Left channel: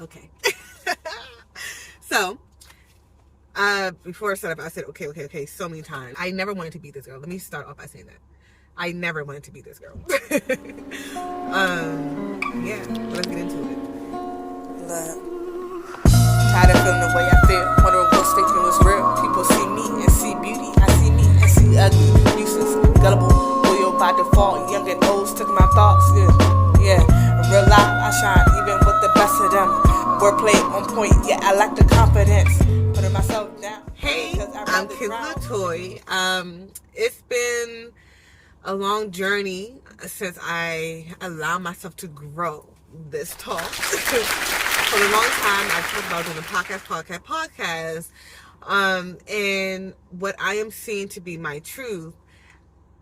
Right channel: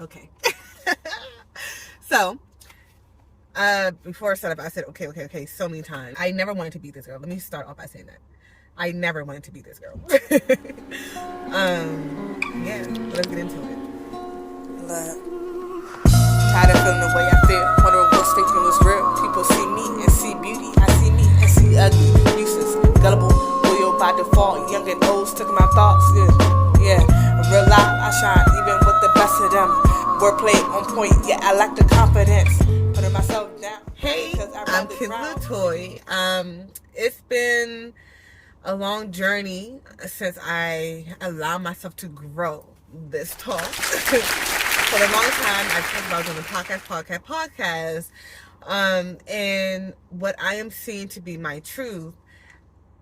Okay. So, before I started, I said, okay, so many times. I never wanted to be this girl. Let me start off by saying that. I never wanted to be this girl. Yeah, let's get into it. Look, tired of feeling the way I feel, wondering what's thinking was real. People see me and see beauty. I see me and see ugly, useless, gullible, loyal by default. Young and old, stuck in my thoughts. Yeah, real life, I shine even with the best of them. Wordplay on point, yeah, I lack the confidence. Putting myself down. Hey, I'm Kim Latoy. It's been a long journey since I allowed myself to grow this tall. For a long time, I talked about doing a podcast. And what I am seeing to be my truth,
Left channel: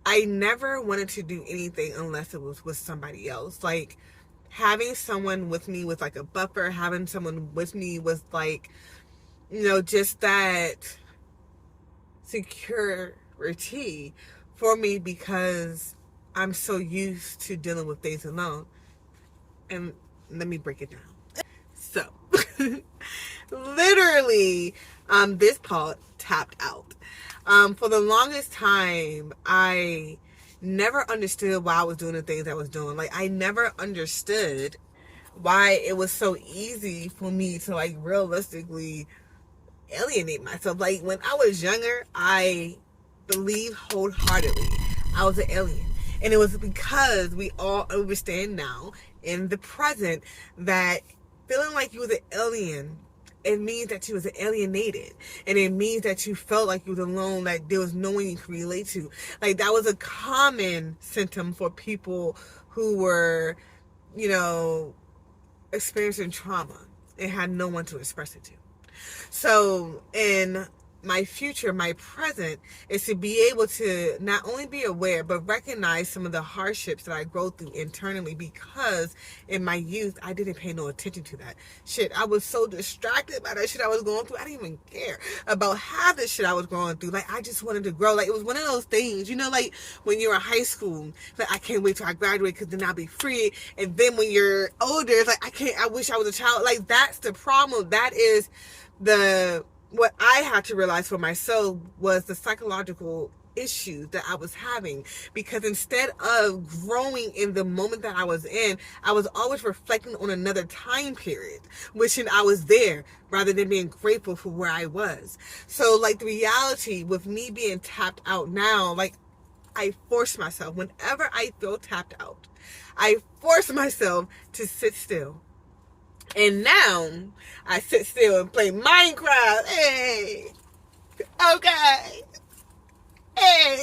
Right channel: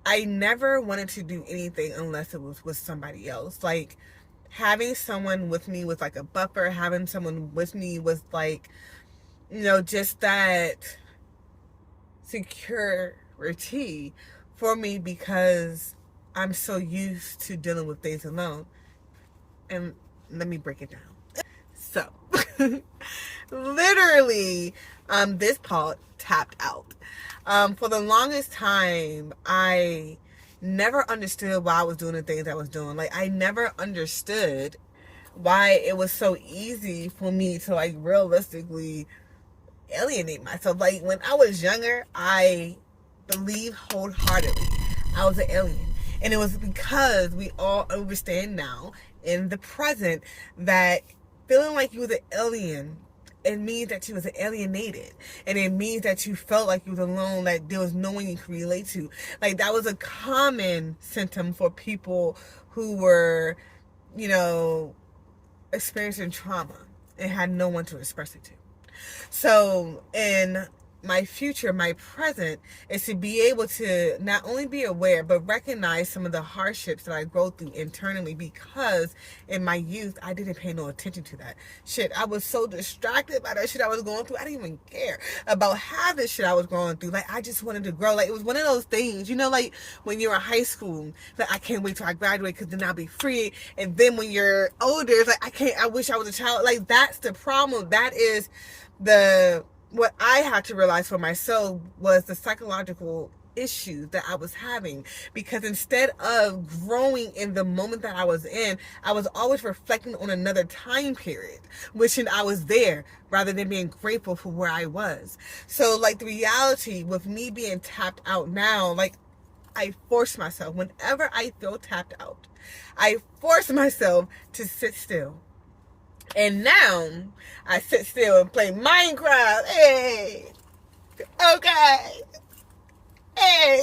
I never wanted to do anything unless it was with somebody else. Like, having someone with me was like a buffer. Having someone with me was like, just that security for me, because I'm so used to dealing with things alone. And let me break it down. So, literally, this part tapped out. For the longest time, I never understood why I was doing the things I was doing. Like, I never understood why it was so easy for me to, like, realistically alienate myself. Like, when I was younger, I believe wholeheartedly I was an alien. And it was because we all understand now in the present that feeling like you was an alien, it means that you was alienated. And it means that you felt like you was alone, that there was no one you could relate to. Like, that was a common symptom for people who were, experiencing trauma and had no one to express it to. So, in my future, my present, is to be able to not only be aware, but recognize some of the hardships that I go through internally, because in my youth, I didn't pay no attention to that shit. I was so distracted by that shit I was going through. I didn't even care about half the shit I was going through. Like, I just wanted to grow. Like, it was one of those things, like when you're in high school, like, I can't wait till I graduate because then I'll be free. And then when you're older, it's like, I wish I was a child. Like, that's the problem. That is what I had to realize for myself was the psychological issues that I was having, because instead of growing in the moment that I was in, I was always reflecting on another time period, wishing I was there rather than being grateful for where I was. So, like, the reality with me being tapped out now, like, I force myself, whenever I feel tapped out, I force myself to sit still. And now I sit still and play Minecraft. Hey, okay, hey.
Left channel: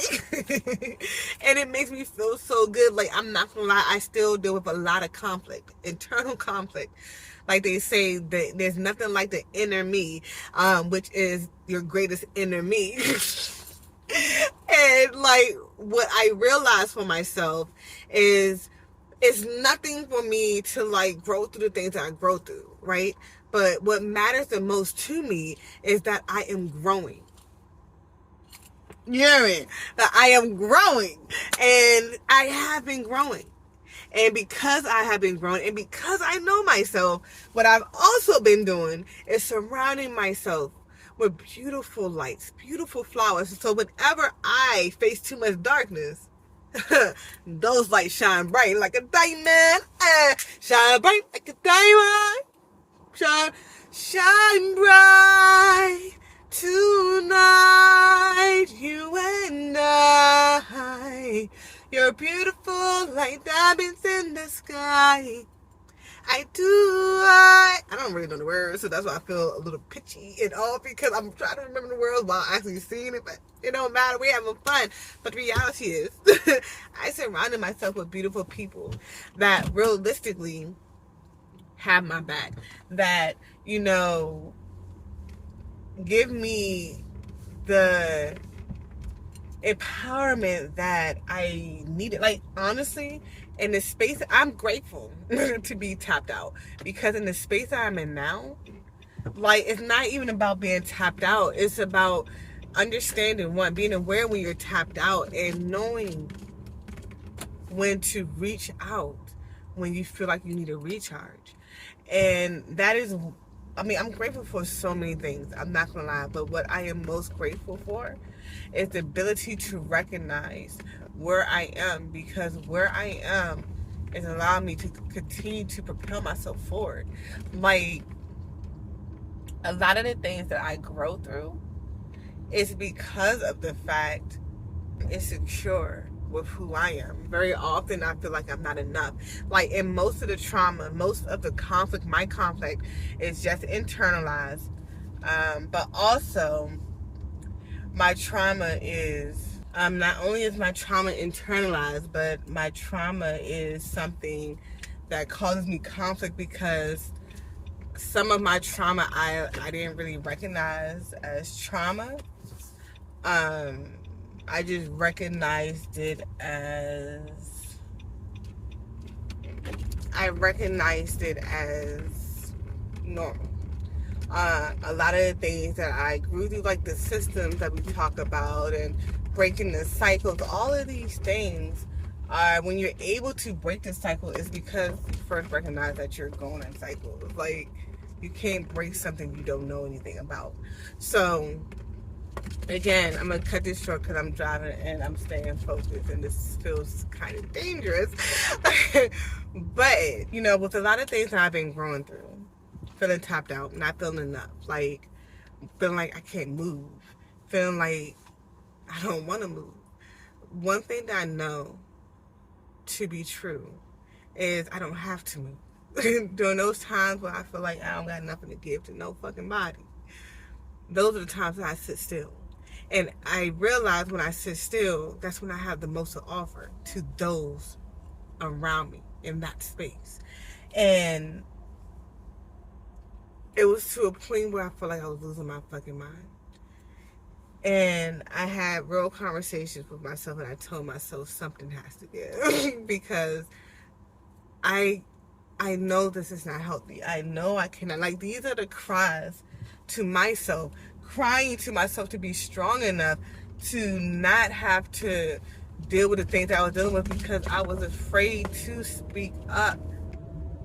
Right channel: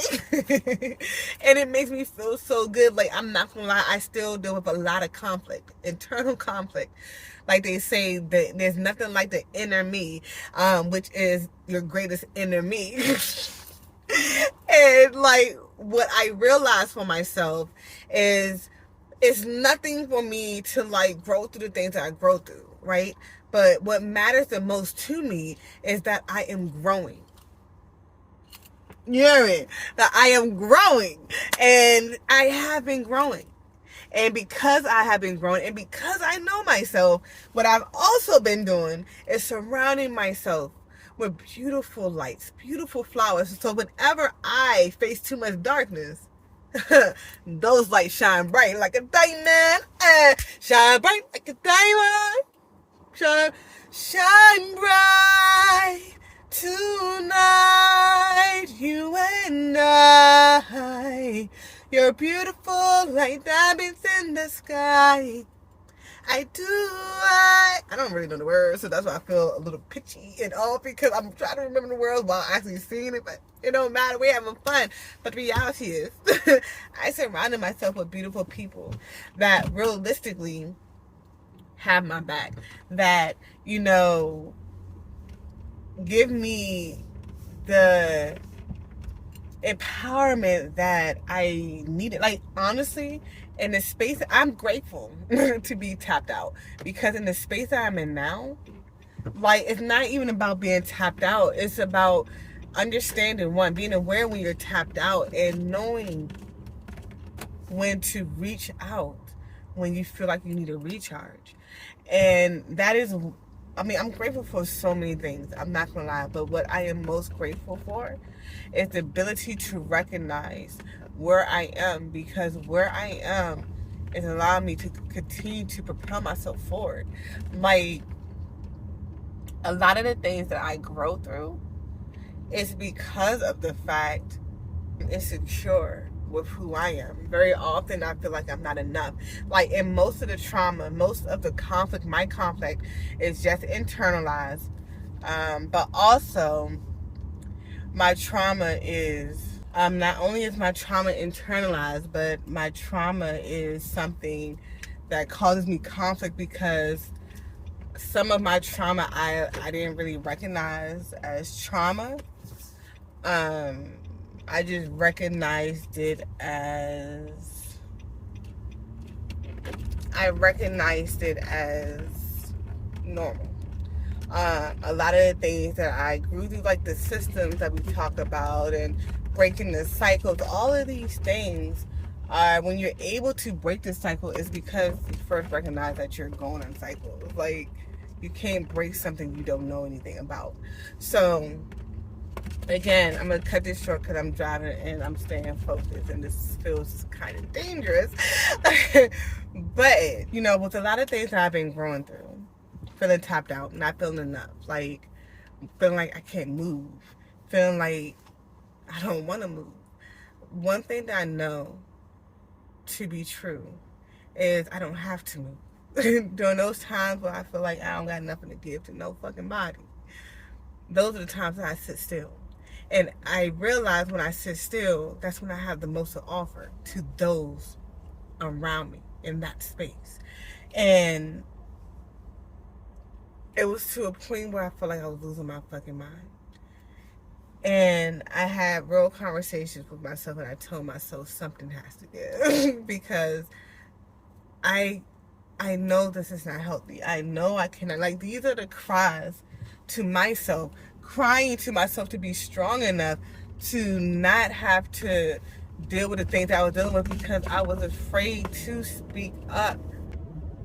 And it makes me feel so good. Like, I'm not gonna lie, I still deal with a lot of conflict, internal conflict. Like they say, that there's nothing like the inner me, which is your greatest enemy. And, like, what I realized for myself is, it's nothing for me to, like, grow through the things that I grow through, right? But what matters the most to me is that I am growing. You know what I mean? That I am growing. And I have been growing. And because I have been growing, and because I know myself, what I've also been doing is surrounding myself with beautiful lights, beautiful flowers. So whenever I face too much darkness, those lights shine bright like a diamond. Shine bright like a diamond. Shine bright tonight, you and I. You're beautiful like diamonds in the sky. I don't really know the words, so that's why I feel a little pitchy and all, because I'm trying to remember the words while actually singing it, but it don't matter. We're having fun. But the reality is, I surrounded myself with beautiful people that realistically have my back, that, give me the empowerment that I needed. Like, honestly, in the space, I'm grateful to be tapped out, because in the space that I'm in now, like, it's not even about being tapped out. It's about understanding, being aware when you're tapped out, and knowing when to reach out when you feel like you need a recharge. And that is, I mean, I'm grateful for so many things. I'm not going to lie. But what I am most grateful for is the ability to recognize where I am, because where I am is allowing me to continue to propel myself forward. Like, a lot of the things that I grow through is because of the fact I'm insecure with who I am. Very often I feel like I'm not enough. Like, in most of the trauma, most of the conflict, my conflict is just internalized. But also, my trauma is, not only is my trauma internalized, but my trauma is something that causes me conflict, because some of my trauma I didn't really recognize as trauma. I just recognized it as normal. A lot of the things that I grew through, like the systems that we talk about and breaking the cycles, all of these things, when you're able to break the cycle, is because you first recognize that you're going on cycles. Like, you can't break something you don't know anything about. So, again, I'm going to cut this short because I'm driving and I'm staying focused, and this feels kind of dangerous. But, you know, with a lot of things that I've been growing through, feeling tapped out, not feeling enough, like, feeling like I can't move, feeling like I don't want to move. One thing that I know to be true is I don't have to move. During those times where I feel like I don't got nothing to give to no fucking body, those are the times that I sit still. And I realize when I sit still, that's when I have the most to offer to those around me in that space. And it was to a point where I felt like I was losing my fucking mind. And I had real conversations with myself, and I told myself something has to give. Because I know this is not healthy. I know I cannot. Like, these are the cries to myself, crying to myself to be strong enough to not have to deal with the things that I was dealing with, because I was afraid to speak up,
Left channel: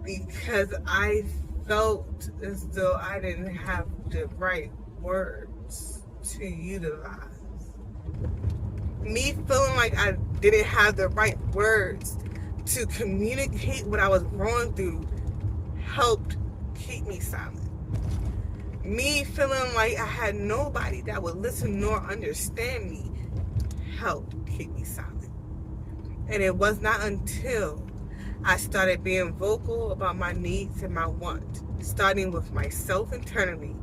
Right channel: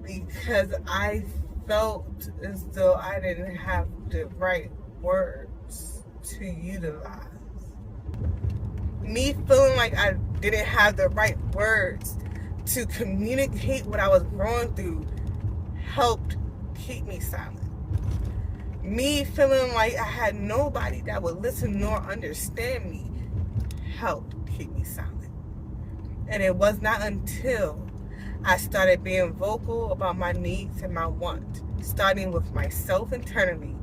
because I felt as though I didn't have the right words to utilize. Me feeling like I didn't have the right words to communicate what I was going through helped keep me silent. Me feeling like I had nobody that would listen nor understand me helped keep me silent. And it was not until I started being vocal about my needs and my wants, starting with myself internally,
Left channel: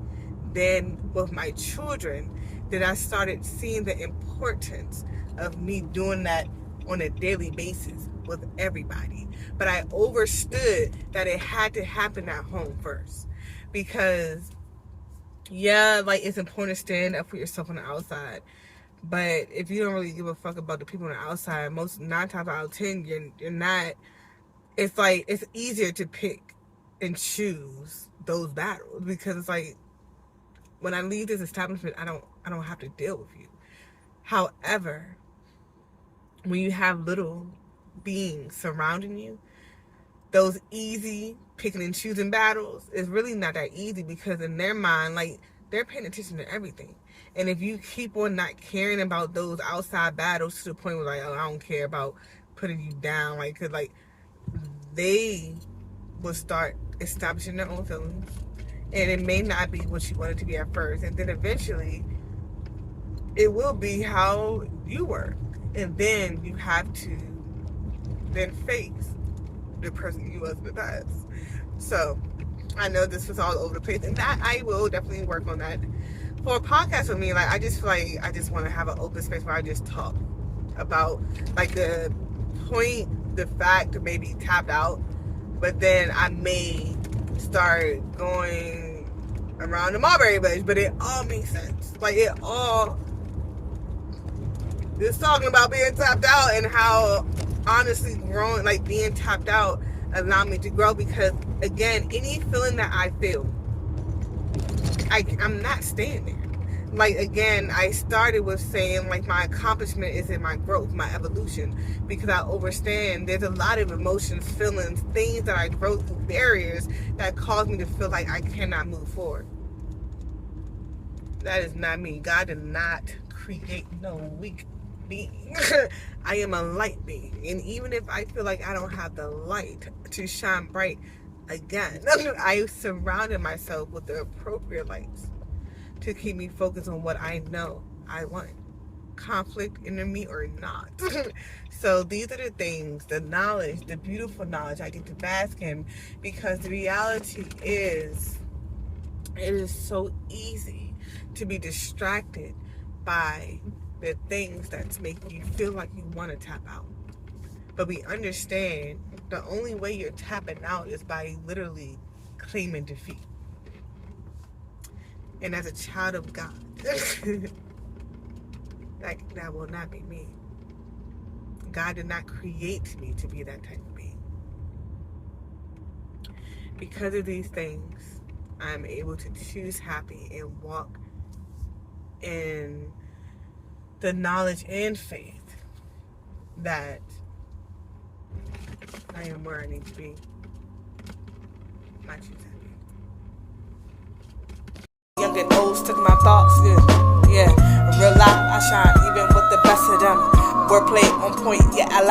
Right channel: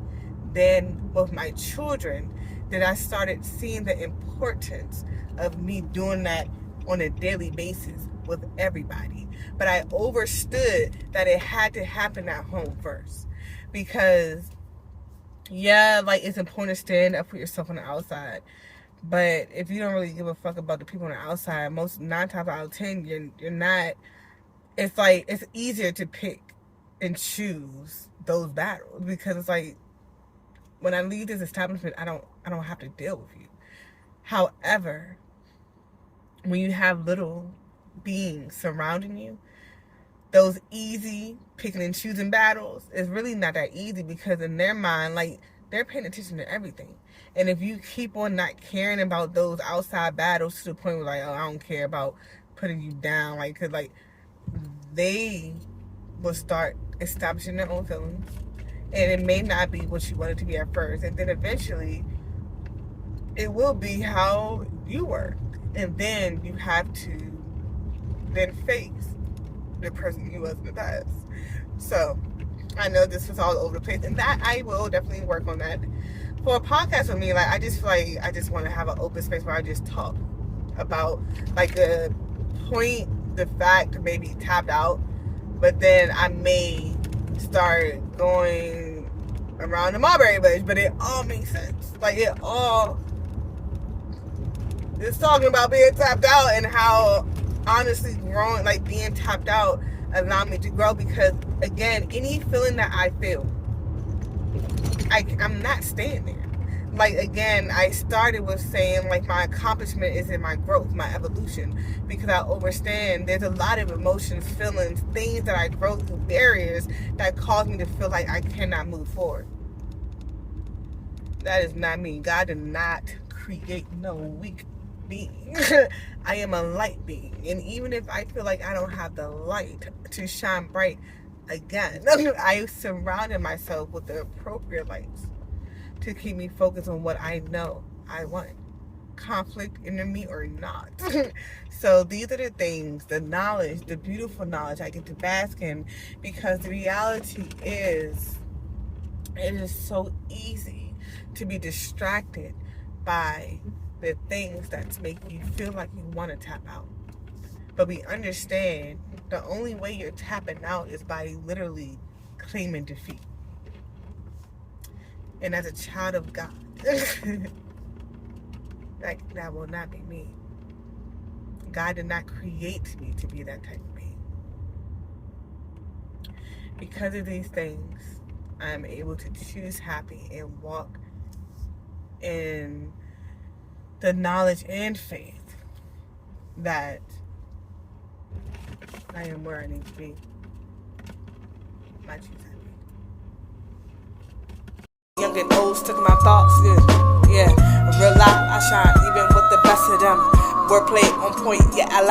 then with my children, that I started seeing the importance of me doing that on a daily basis with everybody. But I understood that it had to happen at home first. Because, yeah, like, it's important to stand up for yourself on the outside. But if you don't really give a fuck about the people on the outside, 9 times out of 10, you're not. It's like, it's easier to pick and choose those battles, because it's like, when I leave this establishment, I don't have to deal with you. However, when you have little beings surrounding you, those easy picking and choosing battles is really not that easy, because in their mind, like, they're paying attention to everything. And if you keep on not caring about those outside battles to the point where, like, oh, I don't care about putting you down, like, cause, like, they will start establishing their own feelings. And it may not be what you want it to be at first. And then eventually, it will be how you work. And then you have to then face the person you was in the past. So, I know this was all over the place. And that, I will definitely work on that. For a podcast with me, like, I just feel like I just want to have an open space where I just talk about, like, the point, the fact to maybe tapped out. But then I may start going around the Mulberry Bush, but it all makes sense. Like, it all is talking about being tapped out, and how honestly growing, like, being tapped out allowed me to grow. Because, again, any feeling that I feel, I'm not staying there. like, again, I started with saying, like, my accomplishment is in my growth, my evolution, because I understand there's a lot of emotions, feelings, things that I grow through, barriers that cause me to feel like I cannot move forward. That is not me. God did not create no weak being. I am a light being, and even if I feel like I don't have the light to shine bright again, I surrounded myself with the appropriate lights to keep me focused on what I know I want, conflict, enemy, or not. So these are the things, the knowledge, the beautiful knowledge I get to bask in, because the reality is, it is so easy to be distracted by the things that make you feel like you want to tap out. But we understand the only way you're tapping out is by literally claiming defeat. And as a child of God, that will not be me. God did not create me to be that type of being. Because of these things, I am able to choose happy and walk in the knowledge and faith that I am where I need to be. I choose happy. Young and old, stuck in my thoughts, yeah. Real life, I shine even with the best of them. Wordplay on point, yeah, I like